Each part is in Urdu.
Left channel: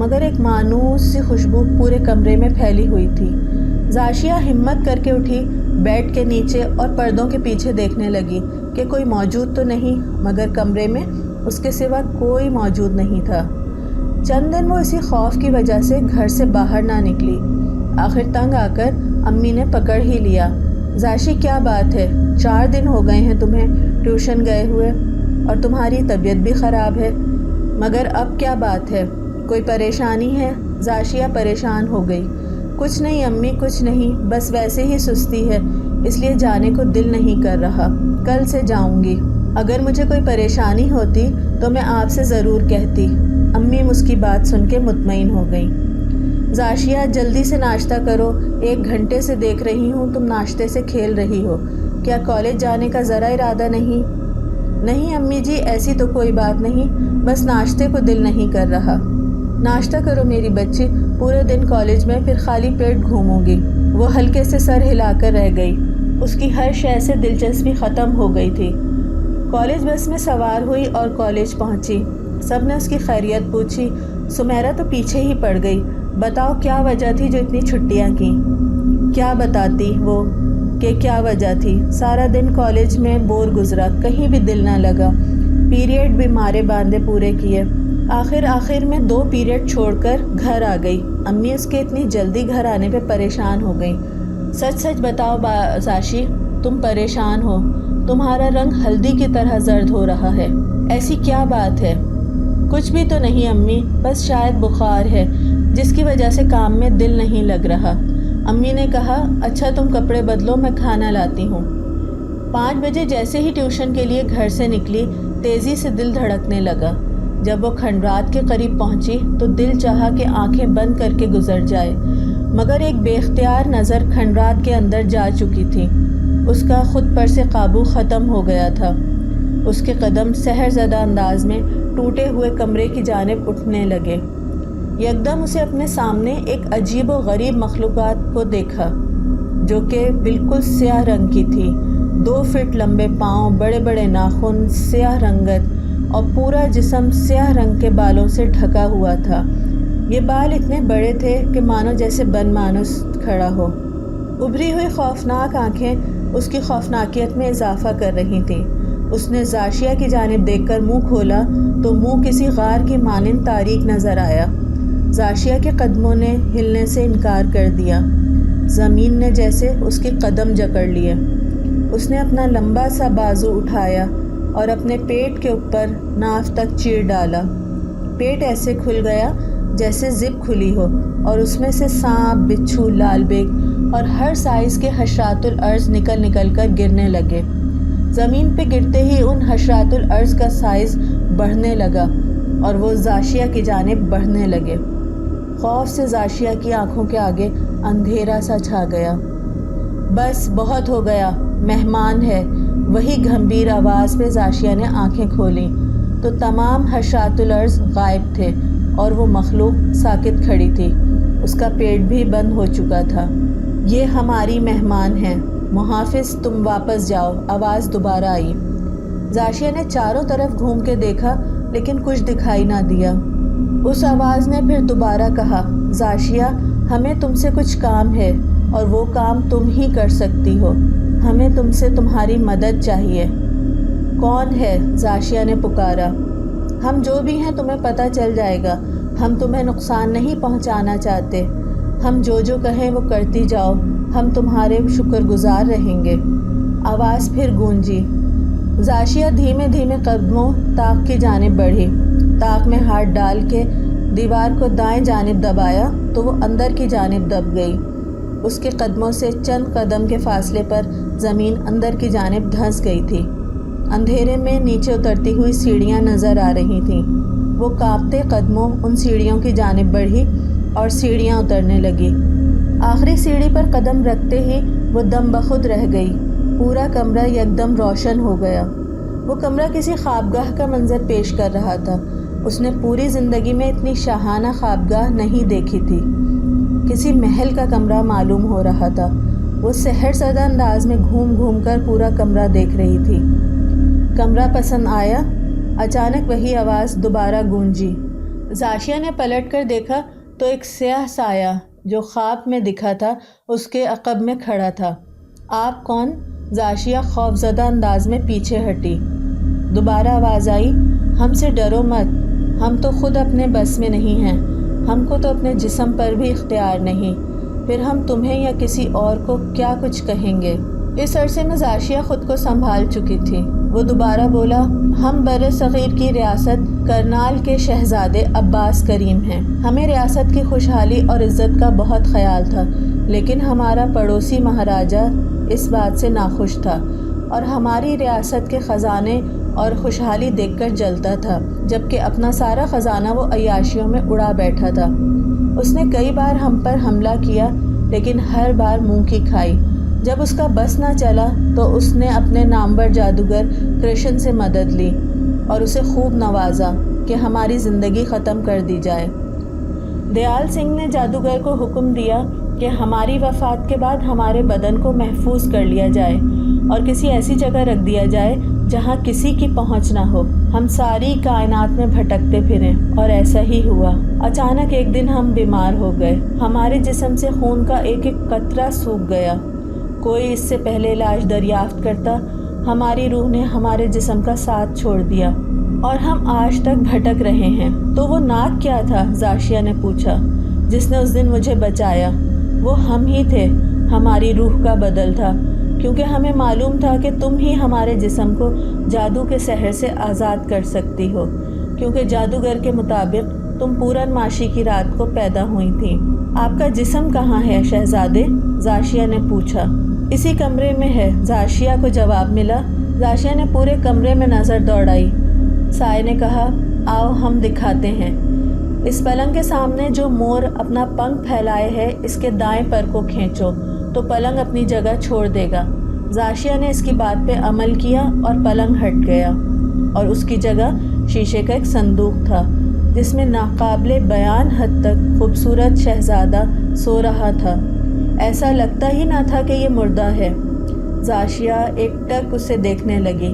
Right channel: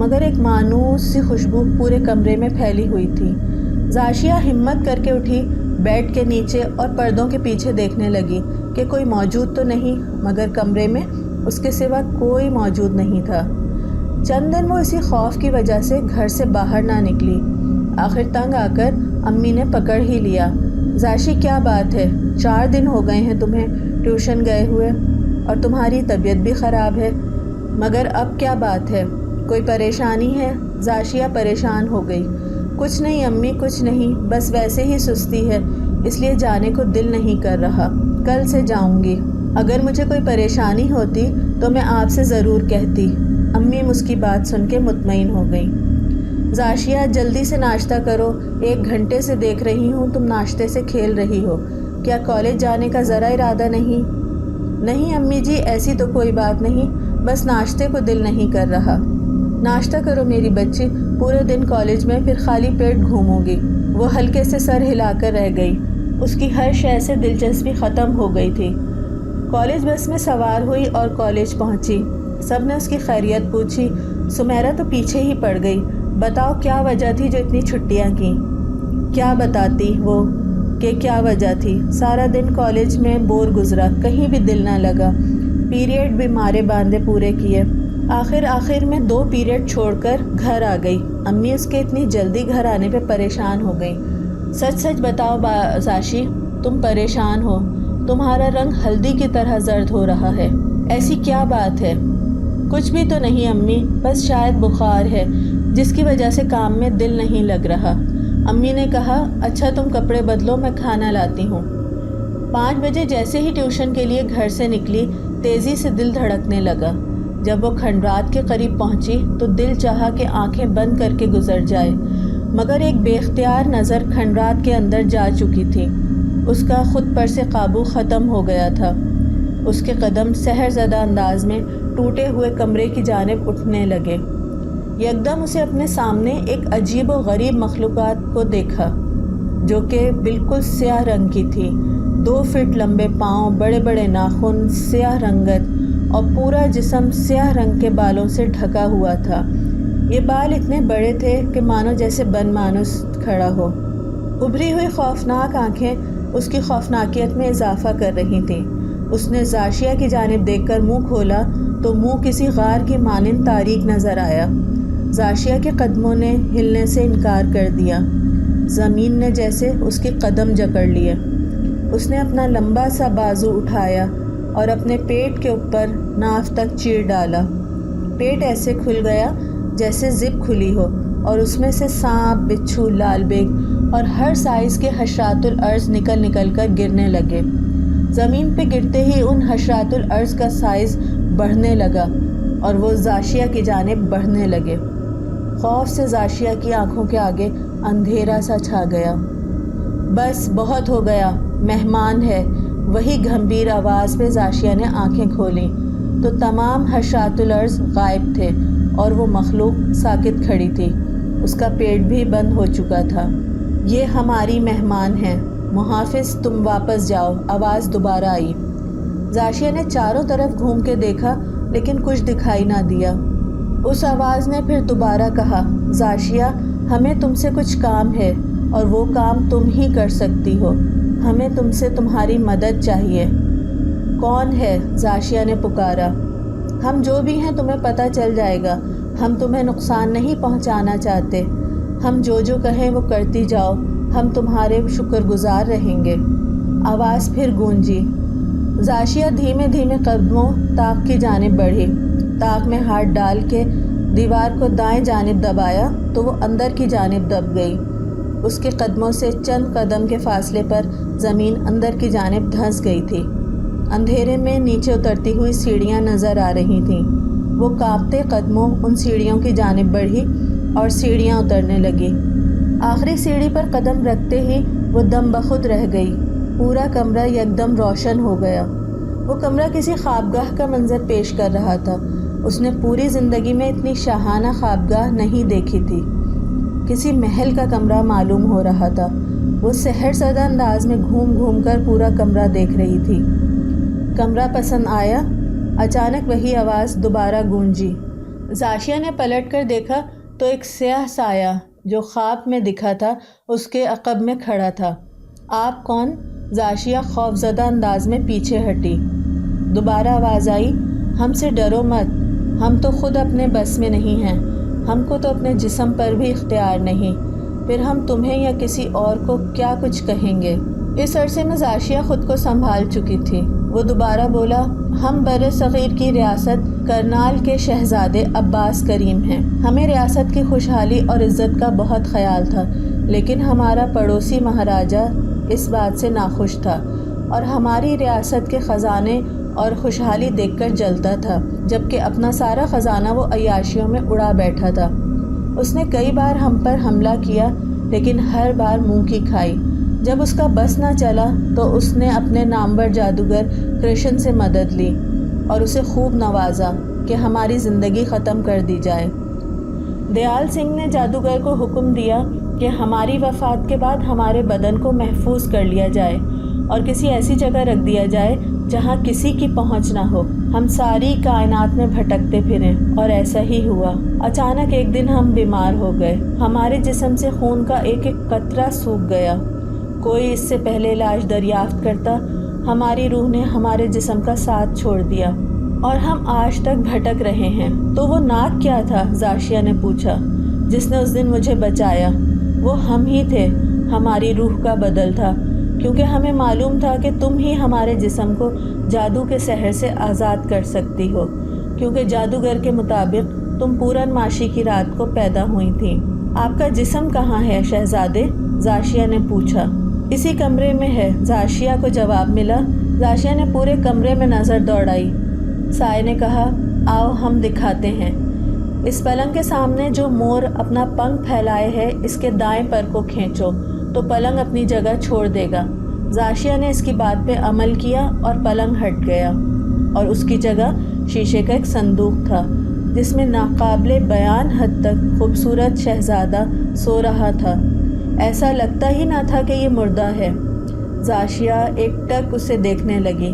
مگر ایک مانوس سی خوشبو پورے کمرے میں پھیلی ہوئی تھی۔ زاشیہ ہمت کر کے اٹھی، بیڈ کے نیچے اور پردوں کے پیچھے دیکھنے لگی کہ کوئی موجود تو نہیں، مگر کمرے میں اس کے سوا کوئی موجود نہیں تھا۔ چند دن وہ اسی خوف کی وجہ سے گھر سے باہر نہ نکلی۔ آخر تنگ آ کر امی نے پکڑ ہی لیا۔ زاشی کیا بات ہے؟ 4 دن ہو گئے ہیں تمہیں ٹیوشن گئے ہوئے اور تمہاری طبیعت بھی خراب ہے، مگر اب کیا بات ہے؟ کوئی پریشانی ہے؟ زاشیہ پریشان ہو گئی۔ کچھ نہیں امی، کچھ نہیں، بس ویسے ہی سستی ہے، اس لیے جانے کو دل نہیں کر رہا، کل سے جاؤں گی۔ اگر مجھے کوئی پریشانی ہوتی تو میں آپ سے ضرور کہتی۔ امی اس کی بات سن کے مطمئن ہو گئیں۔ زاشیہ جلدی سے ناشتہ کرو، 1 گھنٹے سے دیکھ رہی ہوں تم ناشتے سے کھیل رہی ہو، کیا کالج جانے کا ذرا ارادہ نہیں؟ نہیں امی جی، ایسی تو کوئی بات نہیں، بس ناشتے کو دل نہیں کر رہا۔ ناشتہ کرو میری بچی، پورے دن کالج میں پھر خالی پیٹ گھوموں گی۔ وہ ہلکے سے سر ہلا کر رہ گئی، اس کی ہر شے سے دلچسپی ختم ہو گئی تھی۔ کالج بس میں سوار ہوئی اور کالج پہنچی۔ سب نے اس کی خیریت پوچھی۔ سمیرہ تو پیچھے ہی پڑ گئی۔ بتاؤ کیا وجہ تھی جو اتنی چھٹیاں کی؟ کیا بتاتی وہ کہ کیا وجہ تھی؟ سارا دن کالج میں بور گزرا، کہیں بھی دل نہ لگا، پیریڈ بھی مارے باندھے پورے کیے، آخر میں 2 پیریڈ چھوڑ کر گھر آ گئی۔ امی اس کے اتنی جلدی گھر آنے پہ پریشان ہو گئیں۔ سچ بتاؤ زاشی، تم پریشان ہو، تمہارا رنگ ہلدی کی طرح زرد ہو رہا ہے، ایسی کیا بات ہے؟ کچھ بھی تو نہیں امی، بس شاید بخار ہے جس کی وجہ سے کام میں دل نہیں لگ رہا۔ امی نے کہا اچھا تم کپڑے بدلو، میں کھانا لاتی ہوں۔ 5 بجے جیسے ہی ٹیوشن کے لیے گھر سے نکلی، تیزی سے دل دھڑکنے لگا۔ جب وہ کھنڈرات کے قریب پہنچی تو دل چاہا کہ آنکھیں بند کر کے گزر جائے، مگر ایک بے اختیار نظر کھنڈرات کے اندر جا چکی تھی۔ اس کا خود پر سے قابو ختم ہو گیا تھا۔ اس کے قدم سحر زدہ انداز میں ٹوٹے ہوئے کمرے کی جانب اٹھنے لگے۔ یکدم اسے اپنے سامنے ایک عجیب و غریب مخلوقات کو دیکھا جو کہ بالکل سیاہ رنگ کی تھی۔ 2 فٹ لمبے پاؤں، بڑے بڑے ناخن، سیاہ رنگت اور پورا جسم سیاہ رنگ کے بالوں سے ڈھکا ہوا تھا۔ یہ بال اتنے بڑے تھے کہ مانو جیسے بن مانوس کھڑا ہو۔ ابھری ہوئی خوفناک آنکھیں اس کی خوفناکیت میں اضافہ کر رہی تھیں۔ اس نے زاشیہ کی جانب دیکھ کر منہ کھولا تو منہ کسی غار کی مانند تاریک نظر آیا۔ زاشیہ کے قدموں نے ہلنے سے انکار کر دیا۔ زمین نے جیسے اس کے قدم جکڑ لیے۔ اس نے اپنا لمبا سا بازو اٹھایا اور اپنے پیٹ کے اوپر ناف تک چیر ڈالا۔ پیٹ ایسے کھل گیا جیسے زپ کھلی ہو اور اس میں سے سانپ، بچھو، لال بیگ اور ہر سائز کے حشرات الارض نکل کر گرنے لگے۔ زمین پہ گرتے ہی ان حشرات الارض کا سائز بڑھنے لگا اور وہ زاشیہ کی جانب بڑھنے لگے۔ خوف سے زاشیہ کی آنکھوں کے آگے اندھیرا سا چھا گیا۔ بس بہت ہو گیا، مہمان ہے، وہی گھمبیر آواز پہ زاشیہ نے آنکھیں کھولیں تو تمام حشرات الارض غائب تھے اور وہ مخلوق ساکت کھڑی تھی۔ اس کا پیٹ بھی بند ہو چکا تھا۔ یہ ہماری مہمان ہیں، محافظ تم واپس جاؤ، آواز دوبارہ آئی۔ زاشیہ نے چاروں طرف گھوم کے دیکھا لیکن کچھ دکھائی نہ دیا۔ اس آواز نے پھر دوبارہ کہا، زاشیہ ہمیں تم سے کچھ کام ہے اور وہ کام تم ہی کر سکتی ہو، ہمیں تم سے تمہاری مدد چاہیے۔ کون ہے؟ زاشیہ نے پکارا۔ ہم جو بھی ہیں تمہیں پتہ چل جائے گا، ہم تمہیں نقصان نہیں پہنچانا چاہتے، ہم جو کہیں وہ کرتی جاؤ، ہم تمہارے شکر گزار رہیں گے۔ آواز پھر گونجی۔ زاشیہ دھیمے دھیمے قدموں طاق کی جانب بڑھی۔ طاق میں ہاتھ ڈال کے دیوار کو دائیں جانب دبایا تو وہ اندر کی جانب دب گئی۔ اس کے قدموں سے چند قدم کے فاصلے پر زمین اندر کی جانب دھنس گئی تھی۔ اندھیرے میں نیچے اترتی ہوئی سیڑھیاں نظر آ رہی تھیں۔ وہ کانپتے قدموں ان سیڑھیوں کی جانب بڑھی اور سیڑھیاں اترنے لگی۔ آخری سیڑھی پر قدم رکھتے ہی وہ دم بخود رہ گئی۔ پورا کمرہ یکدم روشن ہو گیا۔ وہ کمرہ کسی خوابگاہ کا منظر پیش کر رہا تھا۔ اس نے پوری زندگی میں اتنی شاہانہ خوابگاہ نہیں دیکھی تھی۔ کسی محل کا کمرہ معلوم ہو رہا تھا۔ وہ سحر زدہ انداز میں گھوم کر پورا کمرہ دیکھ رہی تھی۔ کمرہ پسند آیا؟ اچانک وہی آواز دوبارہ گونجی۔ زاشیہ نے پلٹ کر دیکھا تو ایک سیاہ سایہ جو خواب میں دکھا تھا اس کے عقب میں کھڑا تھا۔ آپ کون؟ زاشیہ خوفزدہ انداز میں پیچھے ہٹی۔ دوبارہ آواز آئی، ہم سے ڈرو مت، ہم تو خود اپنے بس میں نہیں ہیں، ہم کو تو اپنے جسم پر بھی اختیار نہیں، پھر ہم تمہیں یا کسی اور کو کیا کچھ کہیں گے۔ اس عرصے میں زاشیہ خود کو سنبھال چکی تھی۔ وہ دوبارہ بولا، ہم بر صغیر کی ریاست کرنال کے شہزادے عباس کریم ہیں۔ ہمیں ریاست کی خوشحالی اور عزت کا بہت خیال تھا، لیکن ہمارا پڑوسی مہاراجہ اس بات سے ناخوش تھا اور ہماری ریاست کے خزانے اور خوشحالی دیکھ کر جلتا تھا، جبکہ اپنا سارا خزانہ وہ عیاشیوں میں اڑا بیٹھا تھا۔ اس نے کئی بار ہم پر حملہ کیا، لیکن ہر بار منہ کی کھائی۔ جب اس کا بس نہ چلا تو اس نے اپنے نامور جادوگر کرشن سے مدد لی اور اسے خوب نوازا کہ ہماری زندگی ختم کر دی جائے۔ دیال سنگھ نے جادوگر کو حکم دیا کہ ہماری وفات کے بعد ہمارے بدن کو محفوظ کر لیا جائے اور کسی ایسی جگہ رکھ دیا جائے جہاں کسی کی پہنچ نہ ہو، ہم ساری کائنات میں بھٹکتے پھریں، اور ایسا ہی ہوا۔ اچانک ایک دن ہم بیمار ہو گئے، ہمارے جسم سے خون کا ایک ایک قطرہ سوکھ گیا۔ کوئی اس سے پہلے علاج دریافت کرتا، ہماری روح نے ہمارے جسم کا ساتھ چھوڑ دیا اور ہم آج تک بھٹک رہے ہیں۔ تو وہ ناگ کیا تھا؟ زاشیہ نے پوچھا، جس نے اس دن مجھے بچایا۔ وہ ہم ہی تھے، ہماری روح کا بدل تھا، کیونکہ ہمیں معلوم تھا کہ تم ہی ہمارے جسم کو جادو کے سحر سے آزاد کر سکتی ہو، کیونکہ جادوگر کے مطابق تم پورن ماشی کی رات کو پیدا ہوئی تھی۔ آپ کا جسم کہاں ہے شہزادے؟ زاشیہ نے پوچھا۔ اسی کمرے میں ہے، زاشیہ کو جواب ملا۔ زاشیہ نے پورے کمرے میں نظر دوڑائی۔ سائے نے کہا، آؤ ہم دکھاتے ہیں۔ اس پلنگ کے سامنے جو مور اپنا پنکھ پھیلائے ہے، اس کے دائیں پر کو کھینچو تو پلنگ اپنی جگہ چھوڑ دے گا۔ زاشیہ نے اس کی بات پہ عمل کیا اور پلنگ ہٹ گیا، اور اس کی جگہ شیشے کا ایک صندوق تھا جس میں ناقابل بیان حد تک خوبصورت شہزادہ سو رہا تھا۔ ایسا لگتا ہی نہ تھا کہ یہ مردہ ہے۔ زاشیہ ایک ٹک اسے دیکھنے لگی۔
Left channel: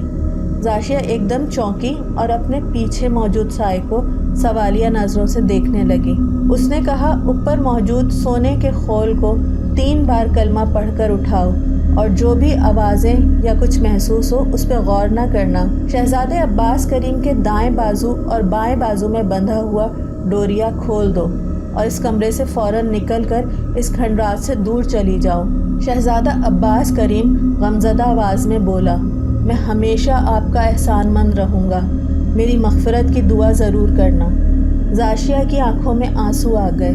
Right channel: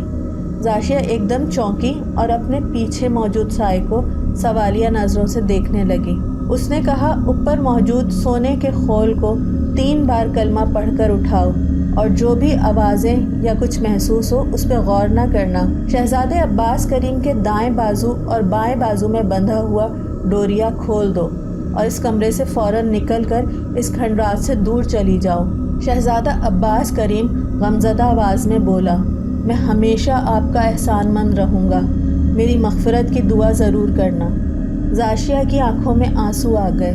زاشیہ ایک دم چونکی اور اپنے پیچھے موجود سائے کو سوالیہ نظروں سے دیکھنے لگی۔ اس نے کہا، اوپر موجود سونے کے خول کو 3 بار کلمہ پڑھ کر اٹھاؤ، اور جو بھی آوازیں یا کچھ محسوس ہو اس پہ غور نہ کرنا۔ شہزادے عباس کریم کے دائیں بازو اور بائیں بازو میں بندھا ہوا ڈوریا کھول دو اور اس کمرے سے فوراً نکل کر اس کھنڈرات سے دور چلی جاؤ۔ شہزادہ عباس کریم غمزدہ آواز میں بولا، میں ہمیشہ آپ کا احسان مند رہوں گا، میری مغفرت کی دعا ضرور کرنا۔ زاشیہ کی آنکھوں میں آنسو آ گئے۔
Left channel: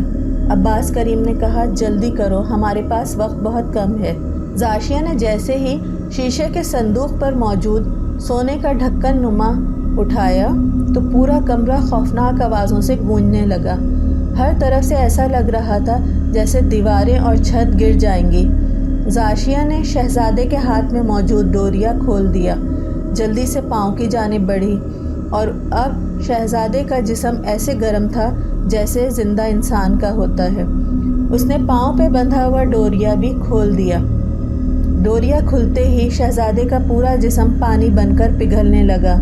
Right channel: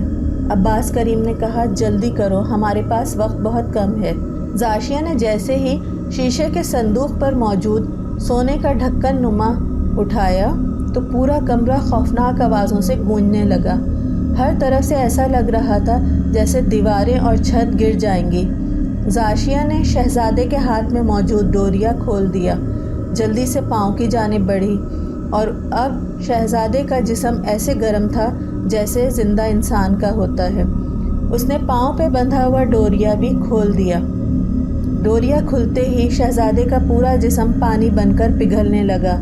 عباس کریم نے کہا، جلدی کرو، ہمارے پاس وقت بہت کم ہے۔ زاشیہ نے جیسے ہی شیشے کے صندوق پر موجود سونے کا ڈھکن نما اٹھایا تو پورا کمرہ خوفناک آوازوں سے گونجنے لگا۔ ہر طرف سے ایسا لگ رہا تھا جیسے دیواریں اور چھت گر جائیں گی۔ زاشیہ نے شہزادے کے ہاتھ میں موجود ڈوریا کھول دیا، جلدی سے پاؤں کی جانب بڑھی، اور اب شہزادے کا جسم ایسے گرم تھا جیسے زندہ انسان کا ہوتا ہے۔ اس نے پاؤں پہ بندھا ہوا ڈوریا بھی کھول دیا۔ ڈوریا کھلتے ہی شہزادے کا پورا جسم پانی بن کر پگھلنے لگا۔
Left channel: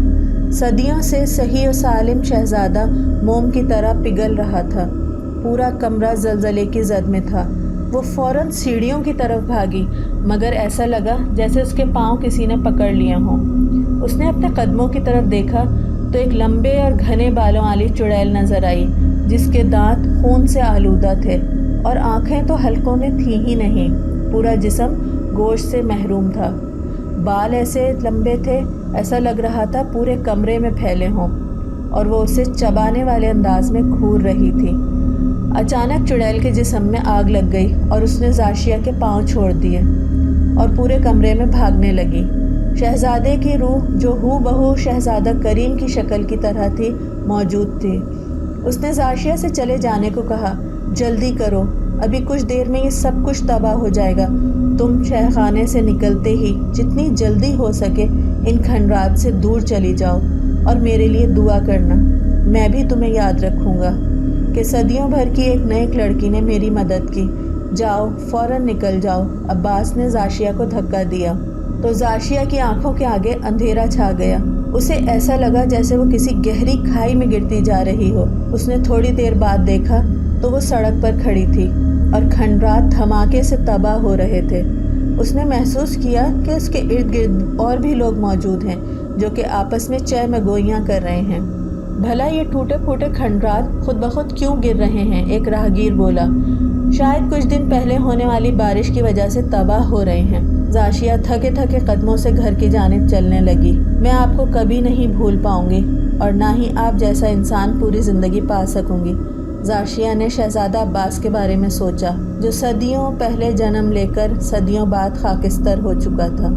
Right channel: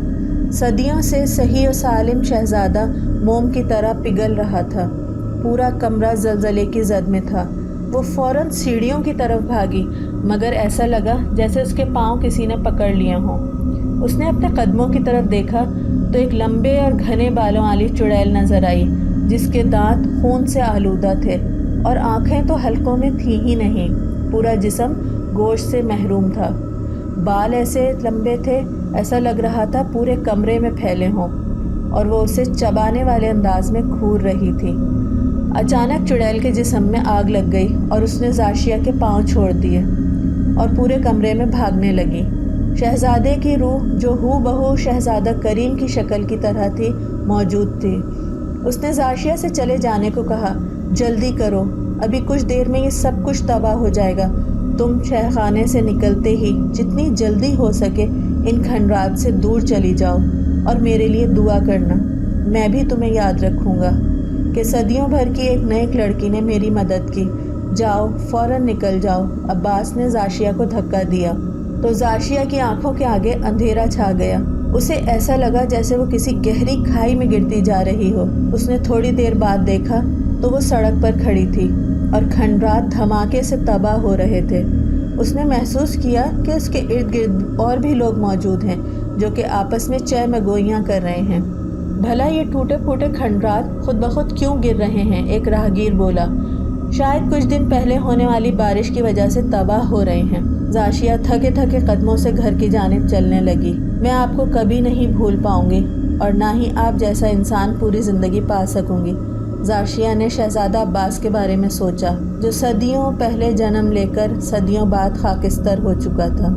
صدیوں سے صحیح و سالم شہزادہ موم کی طرح پگھل رہا تھا۔ پورا کمرہ زلزلے کی زد میں تھا۔ وہ فوراً سیڑھیوں کی طرف بھاگی، مگر ایسا لگا جیسے اس کے پاؤں کسی نے پکڑ لیے ہوں۔ اس نے اپنے قدموں کی طرف دیکھا تو ایک لمبے اور گھنے بالوں والی چڑیل نظر آئی، جس کے دانت خون سے آلودہ تھے اور آنکھیں تو حلقوں میں تھیں ہی نہیں۔ پورا جسم گوشت سے محروم تھا۔ بال ایسے لمبے تھے، ایسا لگ رہا تھا پورے کمرے میں پھیلے ہوں، اور وہ اسے چبانے والے انداز میں گھور رہی تھی۔ اچانک چڑیل کے جسم میں آگ لگ گئی اور اس نے زاشیہ کے پاؤں چھوڑ دیے اور پورے کمرے میں بھاگنے لگی۔ شہزادے کی روح، جو ہو بہو شہزادہ کریم کی شکل کی طرح تھی، موجود تھی۔ اس نے زاشیہ سے چلے جانے کو کہا، جلدی کرو، ابھی کچھ دیر میں یہ سب کچھ تباہ ہو جائے گا۔ تم شہ خانے سے نکلتے ہی جتنی جلدی ہو سکے ان کھنڈرات سے دور چلی جاؤ اور میرے لیے دعا کرنا۔ میں بھی تمہیں یاد رکھوں گا کہ صدیوں بھر کی ایک نیک لڑکی نے میری مدد کی۔ جاؤ، فوراً نکل جاؤ۔ عباس نے زاشیہ کو دھکا دیا تو زاشیہ کی آنکھوں کے آگے اندھیرا چھا گیا۔ اسے ایسا لگا جیسے وہ کسی گہری کھائی میں گرتی جا رہی ہو۔ اس نے تھوڑی دیر بعد دیکھا تو وہ سڑک پر کھڑی تھی اور کھنڈرات دھماکے سے تباہ ہو رہے تھے۔ اس نے محسوس کیا کہ اس کے ارد گرد اور بھی لوگ موجود ہیں جو کہ آپس میں چہ میں گوئیاں کر رہے ہیں۔ بھلا یہ ٹوٹے پھوٹے کھنڈرات خود بخود کیوں گر رہے ہیں؟ ایک راہگیر بولا۔ شاید کچھ دن پہلے ہونے والی بارش کی وجہ سے تباہ ہو رہے ہیں۔ زاشیا تھکے تھکے قدموں سے گھر کی جانب چلنے لگی۔ میں آپ کو کبھی نہیں بھول پاؤں گی اور نہ ہی آپ جیسا انسان پوری زندگی پا سکوں گی۔ زاشیا نے شہزادہ عباس کے بارے میں سوچا جو صدیوں پہلے جنم لے کر صدیوں بعد خاکستر ہو چکا تھا۔